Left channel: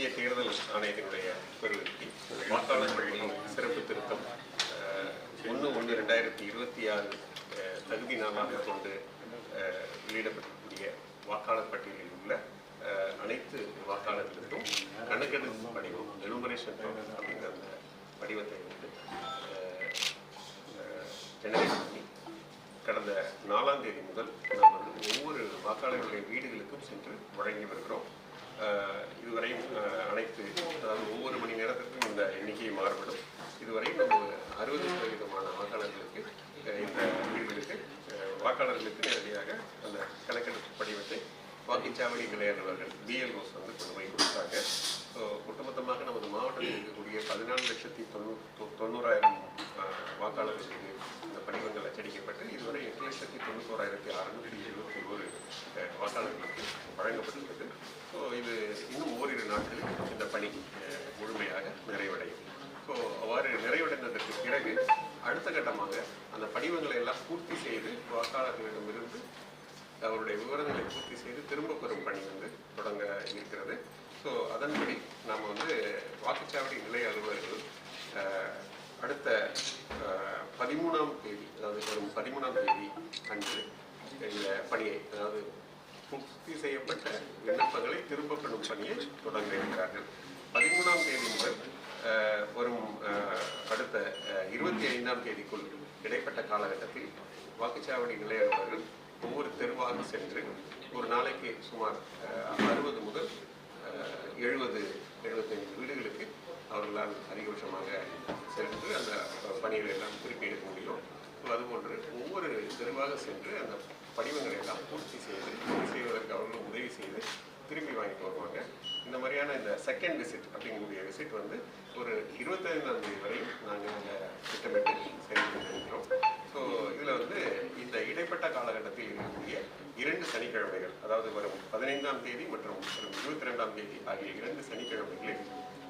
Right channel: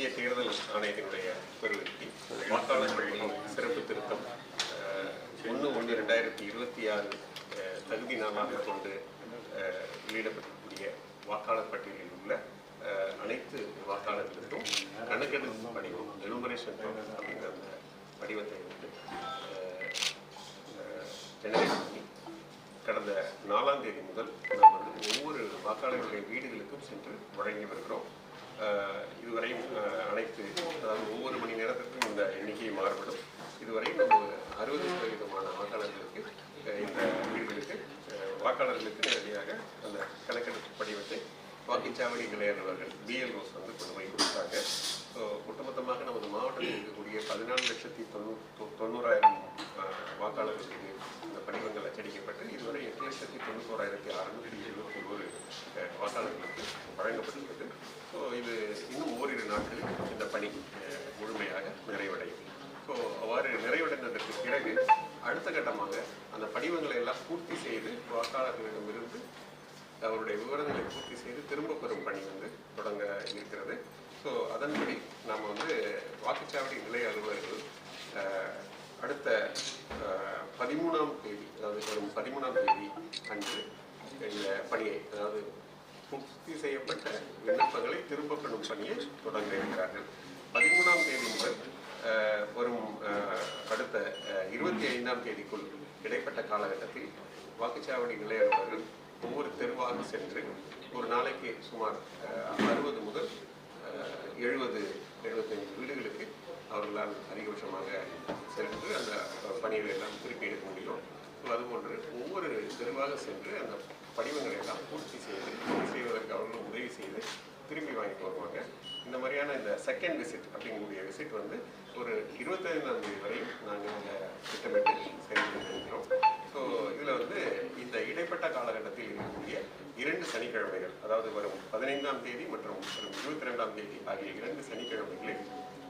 இந்திய தேர்தல் ஆணையத்தினுடைய பெருவிற்கு வாக்காளர் சிறப்பு திருத்தம் ஒன்று ஒன்று ரெண்டாயிரத்தி இருபத்தி ஆறு தகுதி நாளாக கொண்டு அஹ், வெளியிடப்பட்டிருக்கக்கூடிய வாக்காளர் பட்டியலில் உள்ள அனைத்து வாக்காளர்களுக்கும் கணக்கெடுப்பு படிவம் எலுமரேஷன் அப்படிங்கிற அந்த படிவத்தை வந்து ஜெனரேட் பண்ணி கடந்த நாலாம் தேதி முதல் நாம் வந்து ஒவ்வொரு வாக்காளர்களுடைய வீடுகளுக்கும் சென்று வழங்கி வருகிறோம். இதுவரை இதுவரையும் அனைத்து அதாவது ஒவ்வொரு மணி நேரத்திற்கும் இந்த எண்ணிக்கை மாறுபடும். இதுவரை நம்ம அறுபது சதவீதமான வாக்காளர்களுக்கு இந்த வீடுகளுக்கு வாக்காளர்களுக்கு நேரடியாக அந்த கணக்கெடுப்பு படிவத்தை வாக்குச்சாவடி நிலைய பிஎல் ரோஸ் வந்து கொண்டு போய் கொடுத்தாங்க. ஸோ ஒட்டுமொத்தமாக நமது மாவட்டத்தில் இருக்கக்கூடிய பதினாலு லட்சத்தி தொண்ணூ தொ- தொண்ணூறாயிரம் வாக்காளர்களுக்கு இந்த படிவங்கள் அச்சடிக்கப்பட்டு இதுவரை எட்டு லட்சத்தி தொண்ணூத்தோராயிரத்தி அறுநூற்றி எழுபத்தி ஒரு வாக்காளர்களுக்கு வழங்கப்பட்டுள்ளது. ஸோ இது இன்னும் ஓரிரு நாட்களில் அவருடைய விவரங்களை பூர்த்தி செய்து திரும்ப பெறும் பணி வந்து தொடங்க இருக்கிறது. ஸோ அதன்படி நாம் வந்து வாக்குச்சாவடி நிலைய அலுவலர்கள் அடுத்த பதிமூணாம் தேதி அதாவது வரும் பதிமூணாம் தேதி அன்று இந்த பணியை அதாவது பூர்த்தி செய்யப்பட்ட விண்ணப்பங்களை திரும்ப பெறும் பணியை தொடங்க இருக்கிறார்கள். பதிமூணாம் தேதி முதல் வரும் அடுத்த இருபத்தி ஐந்தாம் தேதிக்குள் இடைப்பட்ட காலகட்டத்தில் வாக்குச்சாவடி நிலைய ஒவ்வொரு தெருவாக சென்று ஒரு நாளைக்கு சுமார் அறுபது முதல் எழுபது எழுபத்தஞ்சு வீடுகளுக்கு அவர்களால் அதிகபட்சமாக சென்று அந்த பணிகளை எல்லாம் திருப்பி எடுக்க முடியும். அதுபோன்று ஒவ்வொரு தெருவாக சென்று அந்த படிவங்களை எல்லாம் பூர்த்தி செய்து செய்வதற்கு அவர்களும் உதவி செய்து திரும்பி வாங்கிட்டு வருவாங்க. இந்த மாதிரியான இந்த செகண்ட் விசிட் அப்படிங்கக்கூடிய விசிட் வந்து ஒரு இருபத்தைந்தாம் தேதி வரையும் நாங்கள் அந்த திட்டமிட்டு செய்து கொண்டிருக்கிறோம் ஸோ இதில் வந்து இந்த இடைப்பட்ட காலகட்டத்தில் இருக்கக்கூடிய இரண்டு சனிக்கிழமைகள் அதாவது வரும் பதினைந்தாம் தேதி மற்றும் வரும் இருபத்தி ரெண்டாம் தேதி ஆகிய இரண்டு சனிக்கிழமைகளில்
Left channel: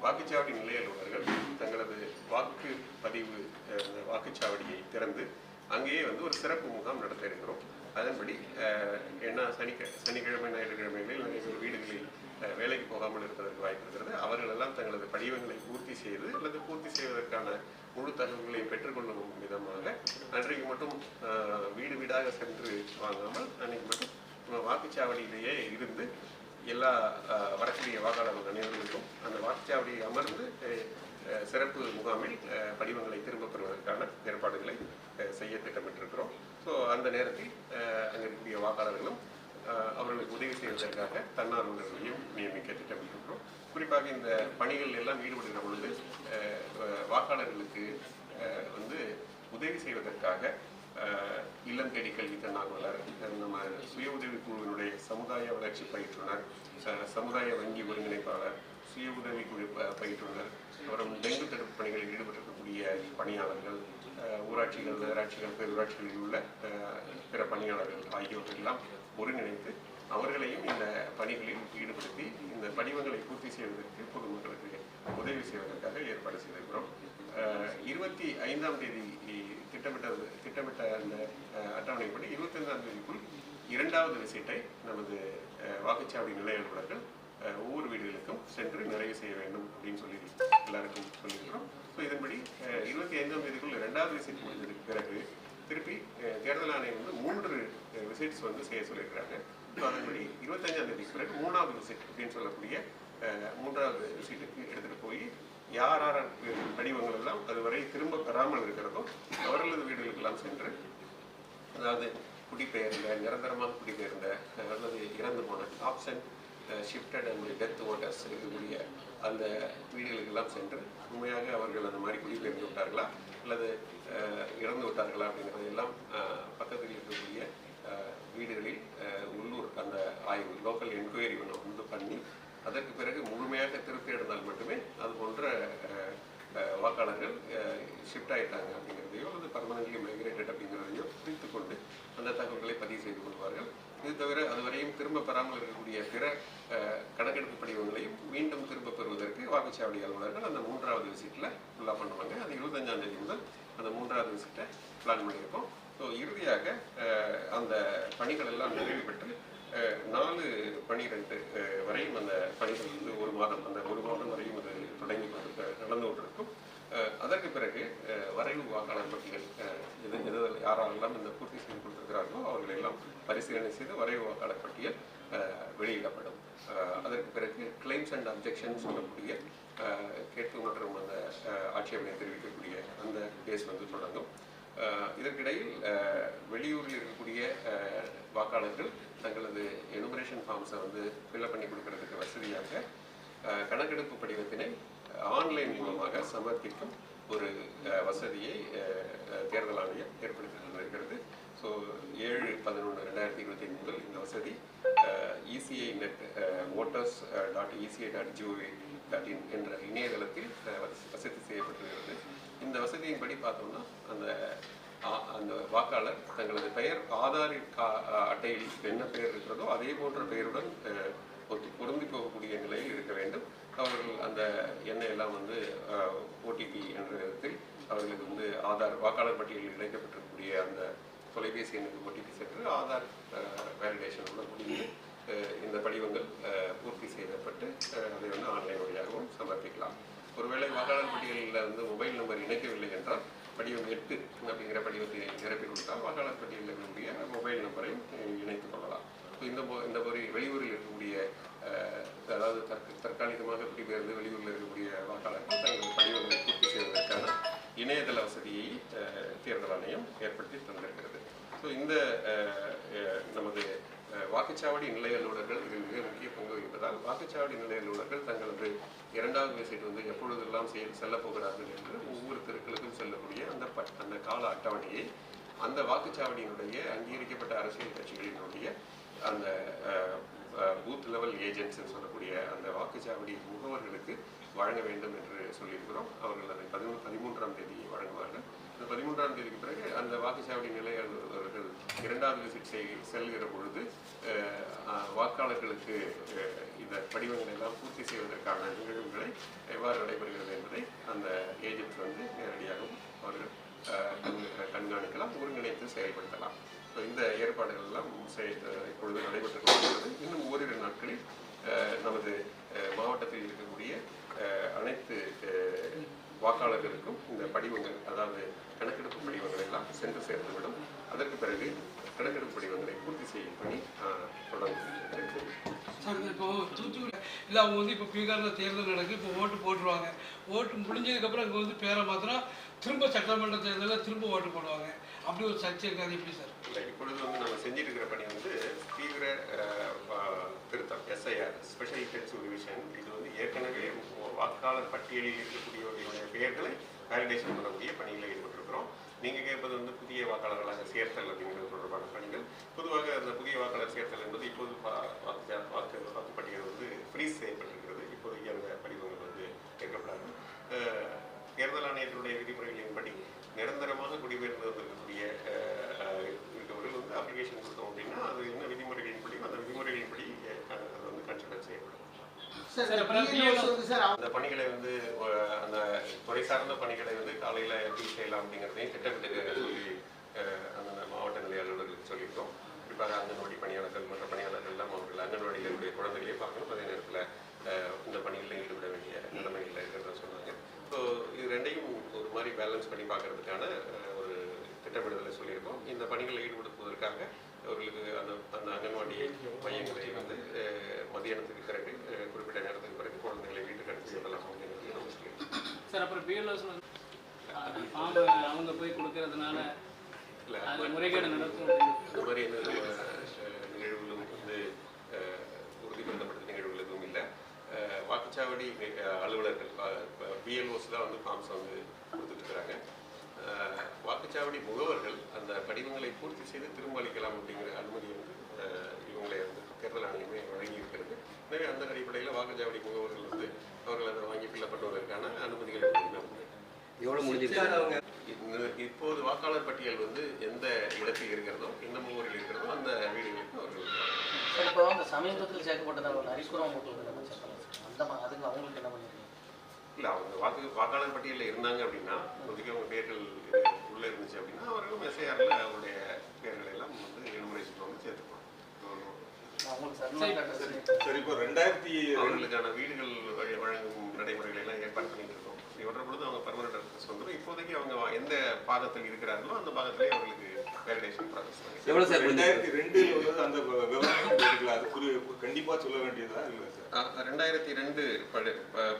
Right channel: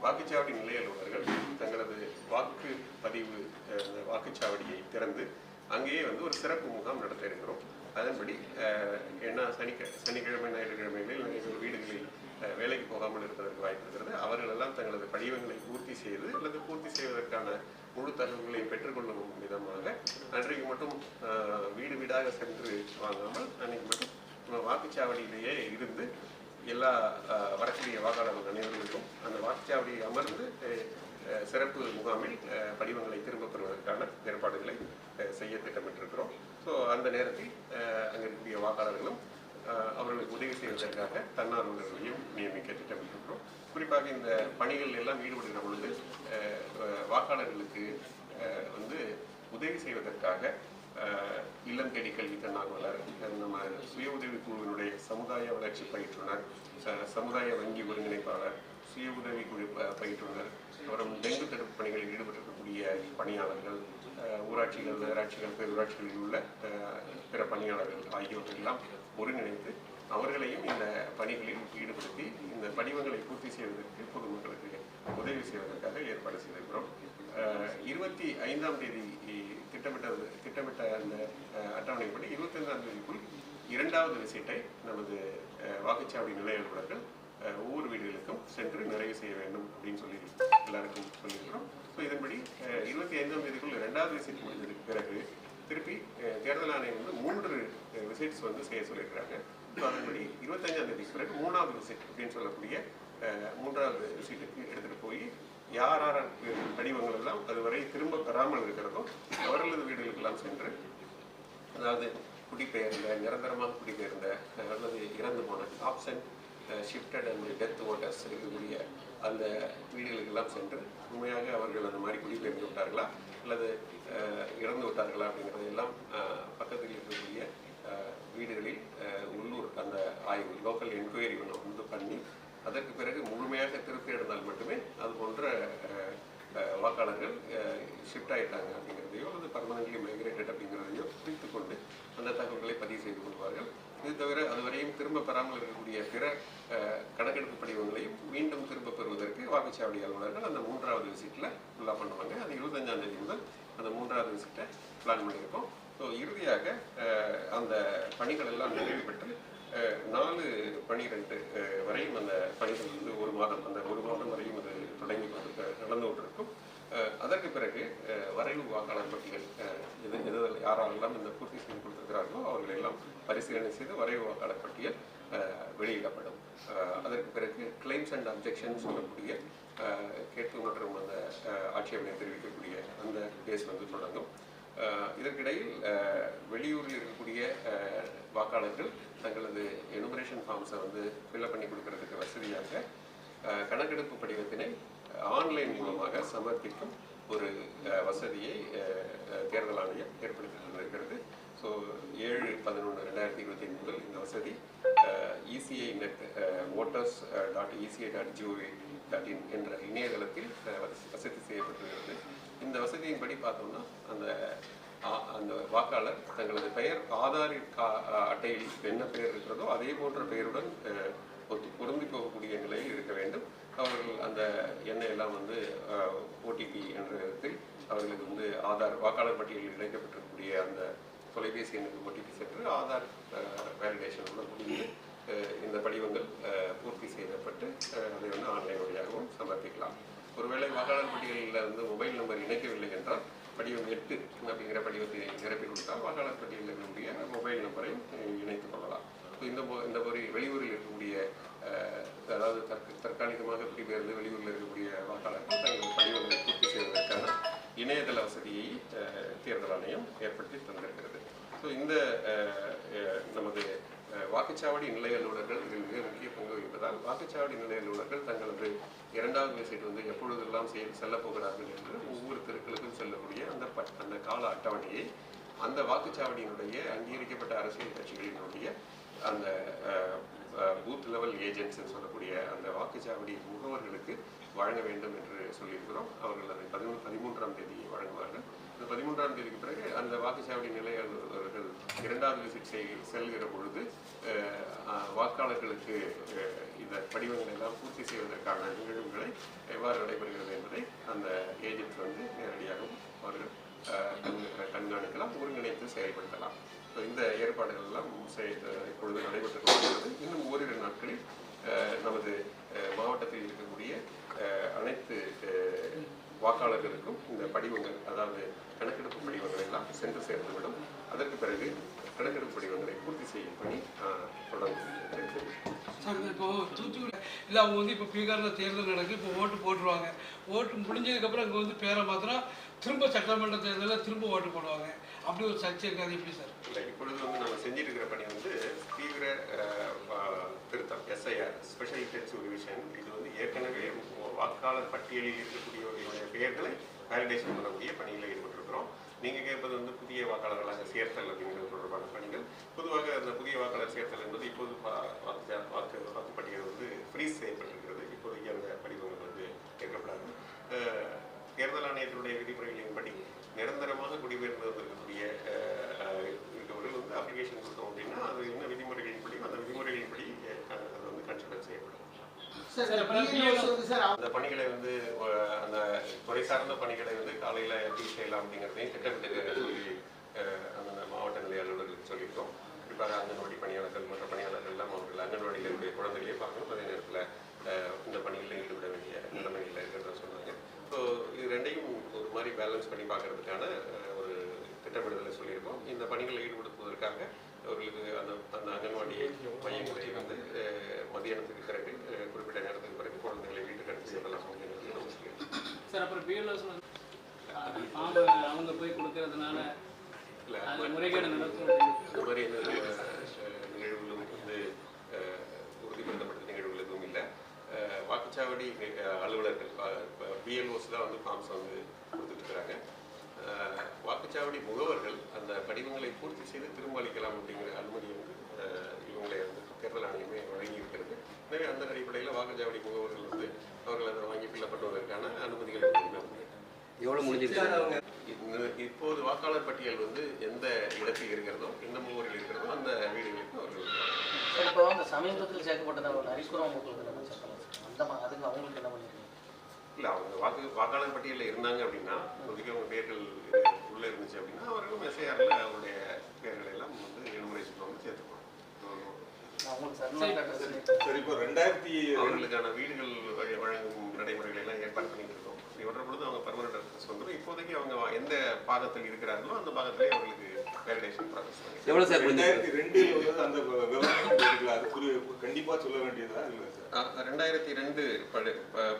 வாக்குச்சாவடி நிலைய அலுவலர்கள் தங்களது வாக்கு பதிவு வாக்குச்சாவடியை திறந்து அங்கேயே வந்து ஒரு சிறப்பு முகாம் நடத்த இருக்கிறோம். அதன்படி என்ன சனிக்க சனிக்கிழமை ஞாயிற்றுக்கிழமைகளில் நிறைய வீடுகளில் வேலைக்கு போகாமல் இருப்பதற்கு வாய்ப்பு இருக்கிறது. அவர்கள் எல்லாம் தங்களது படிவங்களை பூர்த்தி செய்து அல்லது பூர்த்தி செய்வதற்கான முழு தகவல்களை பெற்றுக்கொள்ளும் விதமாக அன்றைக்கு மட்டும் வீடு வீடாக சென்று வாங்காமல் அன்றைக்கு மட்டும் வாக்குச்சாவடியிலேயே இருந்து எல்லா அஹ், வாக்காளர்கள் அனைவர்களுக்கும் அந்த வாக்குச்சாவடியை அமர்ந்து சிறப்பு முகாமில் படிவங்களை திரும்பப் பெறுவதற்கான ஏற்பாடுகளை செய்ய திட்டமிட்டிருக்கிறோம். ஸோ அந்த நேரத்தில் அங்கே இருக்கக்கூடிய வாக்காளர்களும் அவர்களுக்கு உதவி செய்வதற்காக தன்னார்வலர்களையும் நியமிக்க திட்டமிட்டிருக்கிறோம். குறிப்பாக இந்த பணிகள் எல்லாம் ஈடுபடுகிற பொழுது வாக்காளர்களுக்கு வந்து உதவி செய்வதற்காக இல்லம் தேடி கல்வி தன்னார்வலர் அஹ், நம்ம சுய உதவி குழுவினுடைய சமுதாய வளர்ச்சி பயிற்றுனர் ச- சமுதாய வங்கி ஒருங்கிணைப்பாளர் சுய உதவி குழு பயிற்றுனர் அப்புறம் டெங்கு தடுப்பு பணிகளில் ஈடுபட்டிருக்கக்கூடிய பணியாளர்கள் ஊராட்சிகள் நகராட்சிகள் பேரூராட்சிகளில் உள்ள பிற பணியாளர்கள் ஆகியோர்கள் எல்லாம் ஒருங்கிணைத்து அவர்களையும் இந்த பணிகளில் ஈடுபடுத்தி இந்த படிவங்களை பூர்த்தி செய்வதற்கு பொதுமக்களுக்கு உதவி செய்வதற்காக ஏற்பாடு செய்திருக்கிறோம். இருபத்தி ஐந்தாம் தேதி திட்டமிட்ட திட்டமிட்ட அந்த அட்டவணைப்படி இருபத்தைந்தாம் தேதிக்குள் இரண்டாவது விசிட்டை நமது வாக்குச்சாவடி நிலைய அலுவலர்கள் ஒவ்வொரு வீடுகளுக்கும் சென்று நிறைவு செய்ய வேண்டும் அப்படின்னு சொல்லி எல்லாருக்கும் சொல்லியிருக்கிறோம். ஸோ இதன்படி இருபத்தி ஐந்தாம் தேதிக்குள் இரண்டாவது விசிட் முடிஞ்சதுக்கு பிறகு திருப்பி தேர்தல் ஆணையம் வந்து மூன்று விசிட்ஸ் வந்து செய்ய சொல்லியிருக்கிறாங்க. ஸோ அதன்படி இருபத்தஞ்சாம் தேதிக்கு பிறகு மூணாவது விசிட் அப்படின்னு சொல்லக்கூடிய மூன்றாவது விசிட்டுக்கு எடுத்துகிட்டு போய் யார் யார் படிவங்கள் எல்லாம் அதுவரை திரும்ப பெறாமல் இருக்கிறதோ அவர்களது வீடுகளுக்கெல்லாம் சென்று அதாவது குடிபெயர்ந்த நிரந்தரமாக குடிபெயர்ந்த அல்லது இறந்து போன option shifted and death voters இருக்கக்கூடிய அந்த வீடுகளுக்கெல்லாம் சென்று உண்மையாக அவர்கள் அந்த மாதிரி குடிபெயர்ந்து விட்டார்களா? அல்லது இறந்து விட்டார்களா அப்படிங்கிறது எல்லாம் பக்கத்தில் இருக்கக்கூடிய வீடுகளில் உள்ளூர் அந்த ஆய்வு லோக்கல் என்கொயரி ஒன்று வந்து பண்ணி அதற்கு பிறகு முழுமையாக திருப்தி அடைந்தால் மட்டுமே அது போன்ற வாக்காளர்கள் ஷிஃப்ட் ஆகிட்டாங்க அப்படிங்கிறதையோ அல்லது பர்மனன்ட்லி மைக்ரேட்டட் அப்படிங்கிறதையோ குறித்து கொண்டு அந்த தகவல்களை பதிவு செய்து கொள்வார்கள். இது தவிர அதுவரையும் திரும்ப பெறாமல் இருக்கக்கூடிய பிற கணக்கெடுப்பு படிவங்களையும் மீண்டும் திரும்ப பெறுவதற்கு வாக்குச்சாவடி அலுவலர்கள் அந்த மூன்றாவது விசிட்டில் ஃபுல்லாக பண்ணுவாங்க. அது இருபத்தஞ்சாம் தேதி முதல் அந்த மூன்றாவது விசிட்டை பிளான் பண்ணியிருக்கோம். ஸோ இறுதியாக அந்த பணிகள் எல்லாம் நிறைவு பெற்று நாலு பனிரெண்டு வரையும் அந்த பணிகள் வந்து ஒரு மாதம் அந்த ஒரு மாதம் வரையும் அது தொடங்கி கொண்டு நடந்து கொண்டிருக்கும். அதற்கு பிறகு வரைவு வாக்காளர் பட்டியல் எது எது யாரெல்லாம் இந்த பூர்த்தி செய்து கொடுத்திருக்கிறார்களோ அவர்கள் எல்லாம் பரிசீலனை செய்து வரைவு வாக்காளர் பட்டியல் வெளியிடப்படும். அதற்கு பிறகு கிளைம்ஸ் அண்ட் அப்ஜெக்ஷன் சொல்லக்கூடிய கேட்பு மற்றும் அந்த ஆட்சேபனை தெரிவிக்கக்கூடிய அந்த கேஸ் வந்து தொடங்கும். இதற்கிடையில் வெளியூரில் இருக்கக்கூடிய வாக்காளர்கள் தங்களது எனுமரேஷன் ஃபார்ம்ஸை வந்து ஃபில்அப் பண்ணி கொடுக்கறதுக்கு வசதியாக கணக்கெடுப்பு படிவத்தினை ஆன்லைன் மூலமாக சமர்ப்பிக்கும் ஒரு வசதியை தேர்தல் ஆணையம் ஏற்படுத்தி தந்திருக்கிறது ஸோ ஏழு பதினொன்று ரெண்டாயிரத்தி இருபத்தி முதல் இந்த வசதி ECI net voters dot ECI dot GOV dot in என்ற இணையதளத்தில் வசதி செய்யப்பட்டுள்ளது. இந்த படி பார்த்தோம்னா அந்த அந்த வாக்காளர் தங்களது பெயர் ஆதார் அட்டையில் என்ன பெயர் இருக்கிறதோ அதே போன்ற பெயருடன் ஒத்து பொருந்தி போகக்கூடிய நிலையில் இருக்க வேண்டும். அவர்கள் அந்த எண்ணெய் எல்லாம் வந்து ஓடிபி என்ற விதத்தில் அவர்களுக்கு வந்து ஆதார் வாக்காளர் பட்டியலில் இணைக்கப்பட்டிருக்கக்கூடிய அந்த தொலைபேசி எண்ணுக்கு ஓடிபி சென்று ஆதார் வேலிடேஷனோட முடிந்து இந்த படிவங்கள் பூர்த்தி செய்யப்பட்டு அதை வந்து ஆன்லைன் வழியாகவும் சமர்ப்பிக்கலாம். ஒருவேளை வாக்காளர் பட்டியலில் வந்து மொபைல் நம்பர் இணைக்கவில்லை என்றால் படிவம் எட்டு அப்படிங்கிற படிவத்தை நிரப்பி கொடுத்தால் வாக்காளர் பட்டியலில் இருக்கக்கூடிய மொபைல் நம்பரையும் இணைத்துக் கொள்ளலாம். ஸோ இந்த இந்த மாதிரி வெளியூரில் இருக்கக்கூடிய அதாவது தற்க தற்காலிகமாக குடிபெயர்ந்து வெளியூரில் இருக்கக்கூடிய வாக்காளர்கள் தங்கள் படிவங்களை பூர்த்தி செய்வதற்கான இணையதள வசதியை தேர்தல் ஆணையம் ஏற்படுத்தி தந்திருக்கிறது. ஸோ இந்த நமது வாக்குச்சாவடி நிலைய அலுவலர்கள் இதில் மிக முக்கிய பங்கு வகிப்பதால் வாக்குச்சாவடி நிலைய அலுவலர்கள் தங்களது இரண்டாவது விசிட் வந்து எப்பொழுதெல்லாம் செய் செல்லப்போகிறார்கள் என்று ஒவ்வொரு தெருக்களுக்கும் செல்லக்கூடிய அந்த பட் அந்த கால அட்டவணையை அந்த வாக்குச்சாவடியினுடைய அங்கீகரிக்கப்பட்ட அரசியல் கட்சிகளினுடைய அந்த பூத் லெவல் ஏஜென்ட்ஸ் சொல்லக்கூடிய அந்த வாக்குச்சாவடி முகவர்களுக்கு வழங்க வேண்டும் என்று சொல்லியிருக்கிறோம். அவர்கள் அதை பதிமூ பதிமூன்றாம் தேதி வழங்குவார்கள். இந்த பதிமூன்றாம் தேதிக்கு பிறகு அந்த வாக்குச்சாவடி நிலையாளர்கள் இரண்டாவது விசிட் செய் செல்கிற பொழுது வாக்காளர்களுக்கு இந்த படிவங்களை எல்லாம் பூர்த்தி செய்வதற்கான நிகழ்வுகளை எவ்வாறு நடைபெறுகிறது என்பதை அந்த ஏஜென்ட்ஸ் வந்து நேரடியாகவும் அவர்கள் கண்காணிக்கலாம் ஒருங்கிணைத்து செயல்படுத்தலாம். ஸோ இந்த ஏற்பாடுகள் எல்லாம் இப்பொழுது நடைபெற்றுக் கொண்டிருக்கிறது. இன்னும் ஓரிரு நாட்களில் நமது மாவட்டத்தில் இருக்கக்கூடிய அனைத்து வாக்காளர்களுக்கும் இந்த படிவங்கள் அதாவது கணக்கெடுப்பு படிவங்கள் எல்லாம் சென்று சேர்ந்துவிடும். அதற்கு பிறகு கணக்கெடுப்பு படிவங்களை பூர்த்தி செய்யும் பணி தொடங்கும். இப்போ தூத்துக்குடி இல்லை அவங்க வந்து இப்போ பீகாரில் தேர்தல் நடக்குது இப்போ ஓட்டு போட்டுருவாங்க. ஓட்டு முடிஞ்சதுக்கப்புறம் அங்கே வந்து பேரை மாத்திரம் திரும்ப சட்டமன்ற தேர்தலில் திரும்ப ஓட்டு போடுவாங்க. அப்படி ஒரு சர்ச்சை இருக்காது எப்படி சார்? இல்லை இப்பொழுது வந்து நம்ம செஞ்சுட்டு இருக்கிற பணி வந்து தீவிர திருத்தம் எஸ்ஐஆர் ஸ்பெஷல் இன்டென்சிவ் ரிவிஷன் இது வந்து ஏற்கனவே வாக்காளர் பட்டியலில் இருக்கக்கூடியவர்களுடைய பெயர்களை வேலிடேஷன் பண்ணக்கூடிய பணியில் ஈடுபட்டிருக்கிறோம். நீங்கள் கேட்பது வந்து புதிய வாக்காளர்களாக சேர்த்தல் அப்படிங்கிறது தொடர்பான பணிகள். பொதுவாக அந்த புதிய வாக்காளர் சேர்த்தல் என்பது இப்போது வாக்கு வாக்கு வாக்குப்பட்டியல் வந்து ஃப்ரீஸ் செய்யப்பட்டிருக்கிறது. இப்போதைக்கு அந்த படிவங்கள் வந்து கேட்கப்படாது தேர்தல் ஆணையத்தினுடைய விதிமுறைகளின்படி நிரந்தரமாக குடிபெயர்ந்து வந்திருக்கக்கூடிய இருக்கவர்கள் வந்து அப்ளிகேஷன் கொடுத்தோம் அப்படின்னா அது என்ன விதிமுறை அந்த விதிமுறைகளின்படி அஹ், அது வந்து கன்சிடர் செய்யப்படும் சார் அப்புறம் BLOs வந்து சார் அந்த பணிகளை வந்து அந்த துறை சார்ந்த பணிகளை வந்து காலையில் எப்படி செய்யலாம் அப்படிங்கிறதையும் திட்டமிட்டு சொல்லி அந்த மாவட்ட நிலை அலுவலர்களுக்கு சொல்லியிருக்கோம். குறிப்பாக அங்கன்வாடி பணியாளர்கள் மற்ற பணியாளர்கள் எல்லாம் அவர்கள் அங்கன்வாடியில் இருக்கக்கூடிய குழந்தைகளே பார்க்கணும். அதே நேரத்தில் இந்த பணிகளில் ஈடுபட வேண்டிய நிலைமைகள் இருக்கிறத சொன்னாங்க. ஸோ இது ரெண்டையும் ஒரு மாதிரி பேலன்ஸ் பண்ணி பார்க்கறதுக்கான ஒரு திட்டமிடுதலை சொல்லியிருக்கோம். இந்த பணிகளில் ஈடுபடுத்துவதற்காக அவர்களுக்கு அந்த அந்த அங்கன்வாடி மையங்களை வந்து மதியானத்துக்கு பிறகு குறிப்பிட்ட நேரத்துக்கு பிறகு குழந்தைகளை வீட்டுக்கு அனுப்பி விடலாம் நம்ம சொல்லியிருக்கோம் சார் அப்புறம் பிஎல்ஓஸ் அவங்க போய் கொடுக்கறதுனால இல்லை முறைகேடு நடக்கும் அப்படின்னு. அந்த மாதிரி எந்த நிகழ்வுகளும் வந்து உறுதிப்படுத்தப்பட்ட நிகழ்வுகள் எதுவும் இல்லை. வாக்குச்சாவடி அலுவலர்கள் பிஎல்ஓஸ் தான் வந்து ஃபார்ம்ஸ் வந்து கொடுத்துட்டு இருக்கிறாங்க. வாக்குச்சாவடி முகவர்கள் அந்த படிவங்களை பூர்த்தி செய்து திரும்ப அளிக்கலாம் அப்படிங்கிற அனுமதி வந்து இவங்களை வந்து தேர்தல் ஆணையமே வழங்கி இருக்கிறது எனவே அந்த அடிப்படையில் வாக்குச்சாவடி முகவர்கள் வந்து அவர்கள் அதை வாங்கி ஃபில்லப் பண்ணுவதற்கான அனுமதிகள் எவ்வளோ முடிஞ்சிருக்கு? இப்போது வாக்காளர் பட்டியல் வந்து எந்த இடத்தில் இருக்கிறதோ எந்த முகவரில் இருக்கிறதோ அந்த வீடுகளுக்கு அவர்கள் இப்போ அந்த சமீபத்தில் சேர்க்கப்பட்ட ஒரு ஹரிசுரம் அந்த அதுக்கு அவங்களுக்கு என்ன பண்ணிருக்கீங்க? இல்லை அவங்க வாக்கு வாக்காளர் பட்டியலில் இருந்தாங்க அப்படின்னா இப்போதைக்கு அவங்க பேர்கள் உள்ளே இருந்துச்சு அப்படின்னா அவர்களும் எஸ்ஐஆரில் அவருடைய பேர்களை எல்லாம் வந்து எனுமரேஷன் வந்து சேர்த்துக்கணும். சரி சரி இப்போ ரெண்டாயிரத்தி அவர்களுக்கான வீடுகள் வழ- வழங்கும் நடைமுறைகளை எல்லாம் ஏற்பாடு பண்ணிட்டு இப்படி வர்ற பொழுது அவங்க பர்மனன்ட் அட்ரஸ் வந்துடும் இப்போதைக்கு அவங்க எந்த பாகத்தில் இருக்கிறார்களோ அந்த பாகத்திலே அவர்களுக்கு வேலிடேஷன் ப்ராசஸ் பண்ணி எவ்வளோ சார் முடிஞ்சிருக்கு ரெண்டாயிரத்தி ரெண்டில் வந்து அந்த விவரம் அது குறி சொல்ல வேண்டியதா இல்லை சார்? ரெண்டாயிரத்தி ரெண்டு படு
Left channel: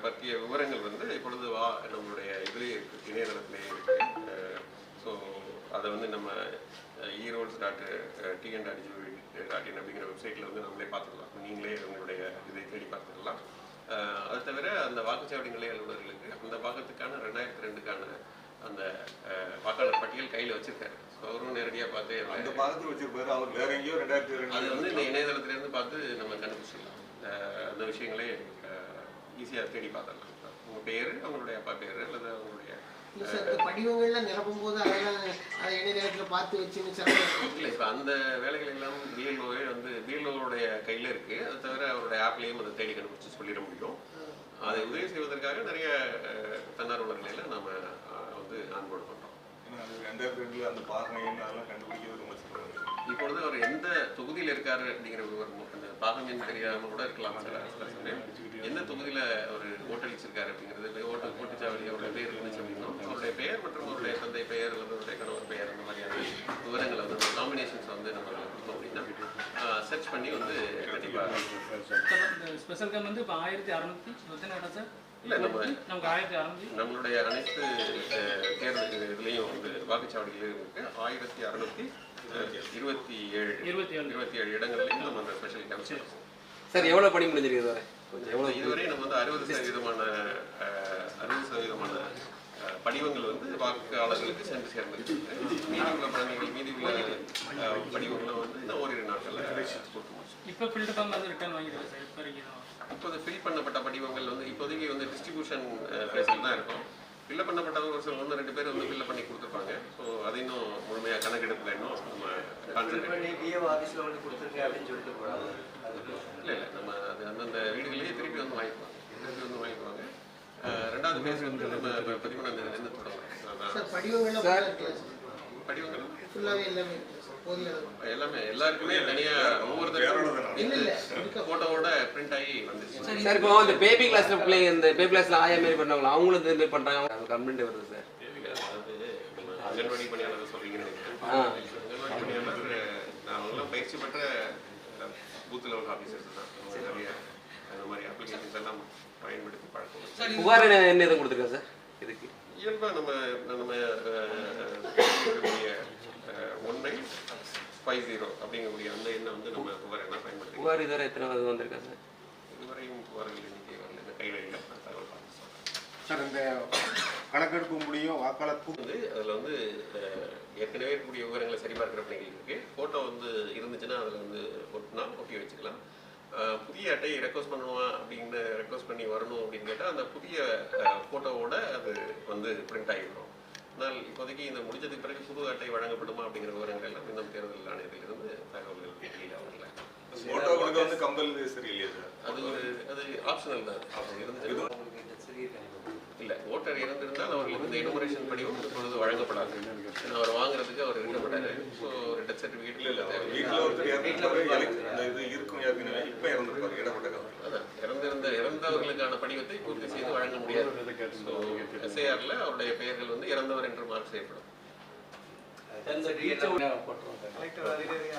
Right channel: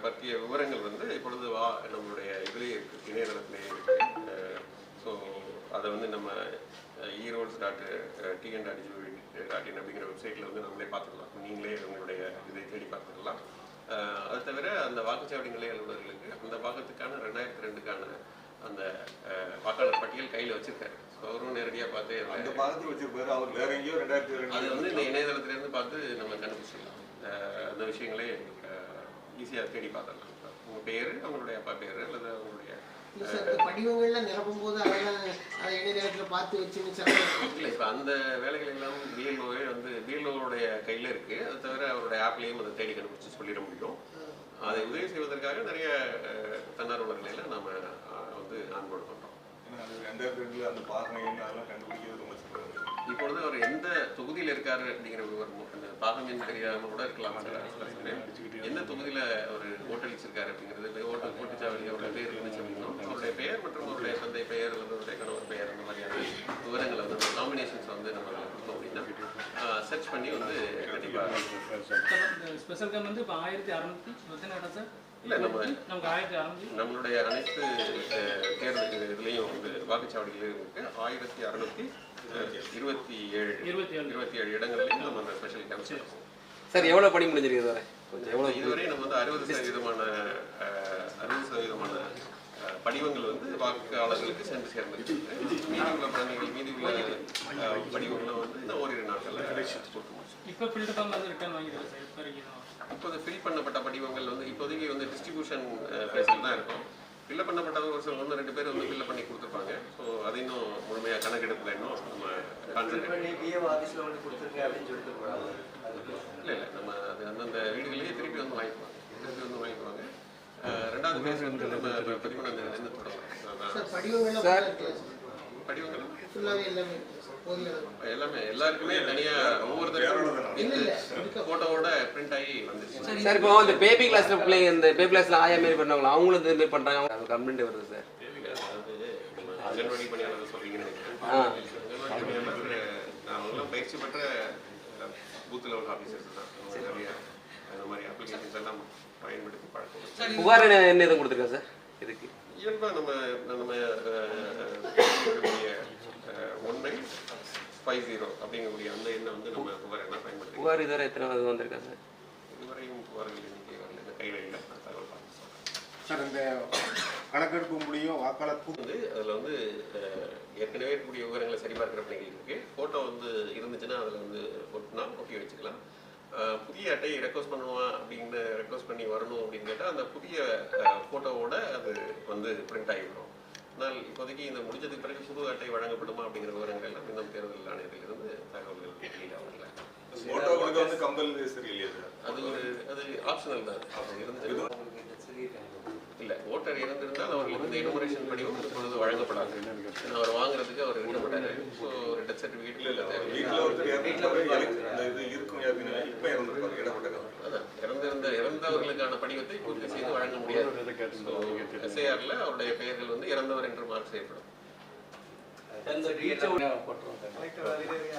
பற்றிய விவரங்கள் வந்து இப்பொழுது வா நம்மளுடைய இதுலேயே இருக்கு இணையதளத்திலேயே இருக்கு. ஸோ அதை வந்து நம்ம Erodes dot TN dot GOV dot in அப்படிங்கிற வெப்சைட்டில் வந்து நம்மளே பார்த்துக்கலாம். நீங்களே உங்களுடைய இதை தேடி பார்த்துக்கலாம். அது தவிர அந்த வாக்குச்சாவடி நிலைய அலுவலர்களுக்கு அந்த பாகத்துக்கான ரெண்டாயிரத்தி ரெண்டுக்கான அந்த வாக்காளர் பட்டியல் கையில் வச்சிருக்காரு. அவரும் நேரடியாக பார்த்து அந்த பாகத்தில் வச்சிருப்பாரு. அவர் வேற எங்கேயோ ரெண்டாயிரத்தி அது ரெண்டு வந்து இந்த இணையதளத்திலேருந்து பார்த்து நம்ம கண்டுபிடிச்சிடலாம். அந்த விஷயங்களே ஈஸியாக தேடி பார்த்துடலாம். உங்கள் பேர் அவங்களுடைய அப்பா பேர் அல்லது அவங்களுடைய படிவங்கள்லாம் நிரப்பும் போது அதெல்லாம் அதை இணைய நேரத்தில் பார்த்து வச்சு சிறப்பு இல்லை இப்போ அந்த வேலைகள் எல்லாம் பிஎல்ஓவே வந்து பிஎல்ஓவுடைய கையில் இருக்குது அது தவிர அவருடைய ஆப்லேயும் அதை தேடி கண்டுபிடிச்சு சொல்லிட முடியும். அதை உதவி செய்வதற்காக நிறைய தன்னார்வலர்களை எல்லாம் நம்ம வந்து ஆன்போர்டு பண்ணுறோம் அந்த என்ன அதெல்லாம் கண்டுபிடிக்கிறது ரொம்ப இப்பொழுது அவர் எந்த தொகுதியில் இருக்காரு அப்படிங்கிற விவரம் அந்த பாகம் தெரியாம கூட இருக்கலாம் எந்த தொகுதியில் அவர் ஓட்டளிச்சிருக்காரு அப்படிங்கிறது ஓட்டு ஓட்டுச்சாவடி அவருடைய பேர் இருந்துச்சு அப்படின்னா அவருடைய பெயர் மற்றும் அவருடைய தந்தை பெயர் அல்லது அவருடைய கணவர் பெயர் அந்த மாதிரியான விவரங்களை வந்து அந்த காம்பினேஷன்ஸ் வந்து நம்ம கொடுத்தோம் அப்படின்னா சர்ச் பண்ணி வந்து கண்டிப்பாக ஸ்பெஷல் கம் வந்து இப்போ ஆயிரத்தி இடம் சார்? இல்லை நம்ம நம்மளுடைய அனைத்து தேர்தல் இதுலேயும் வந்து வாக்குச்சாவடியிலையும் இருக்கு. ஆயிரத்தி அறுநூத்தி இருபத்தி ஏழு. இருபத்தி ஏழு. இருபத்தி ஏழு இடங்கள்லையும் நம்ம அந்த ஸ்பெஷல் கேம்ப் சார் எவ்வளோ பணி முடிஞ்சிருக்கு இதுவரை? கொஞ்சம் எவ்வளோ இதுவரை நம்ம வந்து அறுபது சதவீதமான அறுபது சதவீதமான படிவங்கள் வந்து வாக்காளர்களுக்கு சென்று சேர்ந்திருக்கு மீதி உள்ள பணிகள் மீதி உள்ள படிவங்களை வந்து இந்த ஓரிரு நாட்களில் கொடுக்க முடியும் இப்போ வந்து ரிட்டர்ன் வாங்கிடுறேன் சார்? இப்போ ஃபில் பண்ணப்பட்ட படிவங்கள் வந்து இப்போதைக்கு வந்து டிஸ்ட்ரிபியூஷன் ஃபேஸில் தான் இருக்கும். ஃபில் பண்ணப்பட்டவங்க ஒரு சில ஒன்று ரெண்டு பேர் வந்து ஃபில் பண்ணி கொடுத்துருப்பாங்க. ஸோ அது இன்னும் முழுமையாக கணக்கெடுப்பில் இன்னும் நம்ம ஆஃபீஸில் வந்து கொடுத்துருக்கேன் அப்படின்னு சொல்லிட்டு போகிறாங்க இல்லை இல்லை நம்ம அது அந்தந்த வீடுகளிலேயே திருப்பி வந்து வாங்கிக்குவாங்க திருப்பி வந்து வாங்கிக்குவாங்க. ரெண்டாவது பேஸ் வந்து நம்ம full ஆ இருக்குல்ல சார் படிவங்கள் ஃபுல்லாகவே எல்லாமே எல்லாமே எல்லாருக்குமே தனியாக ஒவ்வொருத்தருக்கும் இல்ல இல்ல. இருக்க ஃபோட்டோவோட பிரிண்ட் ஆகி வந்துச்சு. சார் இப்போ இந்த பேபி கிளாஸ்ல பிள்ளைங்க இந்த பேபி கிளாஸ்ல ஆயா மாரி பண்ணாங்களா அவங்களும் இந்த மாதிரி பண்றாங்க. கம்ப்ளைண்ட் வருது சார். அங்கன்வாடி பணியாளர் பணியாளர் நாங்களாம் பயிற்சி பெற்ற பூத் லெவல் ஆஃபீஸர்ஸ் தான். அவங்க நிறைய அந்த மாதிரி அப்ளிகேஷன்ஸ் எல்லாம் பயன்படுத்தி பழக்கம் சார். புகார் என்ன என்ன எதுவும் கொடுத்துருக்கா சார்? இதுக்கு. இயல்பாக நம்ம நம்ம ஒன் நைன் ஃபைவ் ஜீரோ அப்படிங்கக்கூடிய அந்த எண்ணை வந்து நம்ம புகார் என்ன பயன்படுத்தி புகார் இதுவரை எத்தனை வந்திருக்கா சார் இதுவரையும் புகார்கள் எண்ணிக்கை வரல இந்த கையில் இல்லை. தகவல். சார் இந்த கணக்கெடுப்பு முடியும் வாக்காளர் வந்து அதில் வந்து ஏற்கனவே இருக்கக்கூடிய விவரங்களை சரிபார்க்கிற பணிகள் இருக்கு. ஃபோட்டோ வந்து இருந்துச்சுன்னா அதில் வந்து ஒட்டினா ஒட்டி வச்சுக்கலாம். புதிய அட்டையை ரெக்வஸ்ட் பண்ணுவா அப்படின்னு ரெக்வஸ்ட் பண்ணி வரணும் அப்படின்னு கேட்டால் அந்த புதிய ஃபோட்டோவோட அது வந்து பிரிண்ட் ஆகிடும் ஆனால் இப்போதைக்கு இந்த முடிஞ்சதுக்கு பிறகு புது அட்டை வழங்கப்படுமா அப்படிங்கிற விவரங்கள் எல்லாம் இன்னும் தேர்தல் ஆணையத்திலிருந்து தகவல்கள் வெளியில் வரல. போட்டோ கொடுக்க வந்து கம்பல் சரியில்லையா சார். அது ஒரு அது ஆப்ஷனல் தான். அது இருந்துச்சு இல்ல ஓட்டர் இறந்திருந்தால் அவர்களுக்கு இந்த எனுமரேஷன் படிவம் இப்பொழுது வழங்கப்படாது. அவர் வாங்குறதுக்கு அவர் இருக்கப்பட்டாரு ஸோ ஒரு டெத் சர்டிஃபிகேட் இல்ல வீட்டில் இந்த இது இருக்கும் ஏற்கனவே இப்போ இறந்துருப்பாரு இடப்பட்ட அதுதான் இறந்திருந்த இறந்தவர்களுக்கான படிவத்தை பூர்த்தி செய்து வழங்க முடியாது. எஸ்ஐஆர்ல அவருடைய பெயர்கள் வந்து இறந்தவர் என்று மார்க் செய்யப்படும். கலெக்டர் அதிகாரி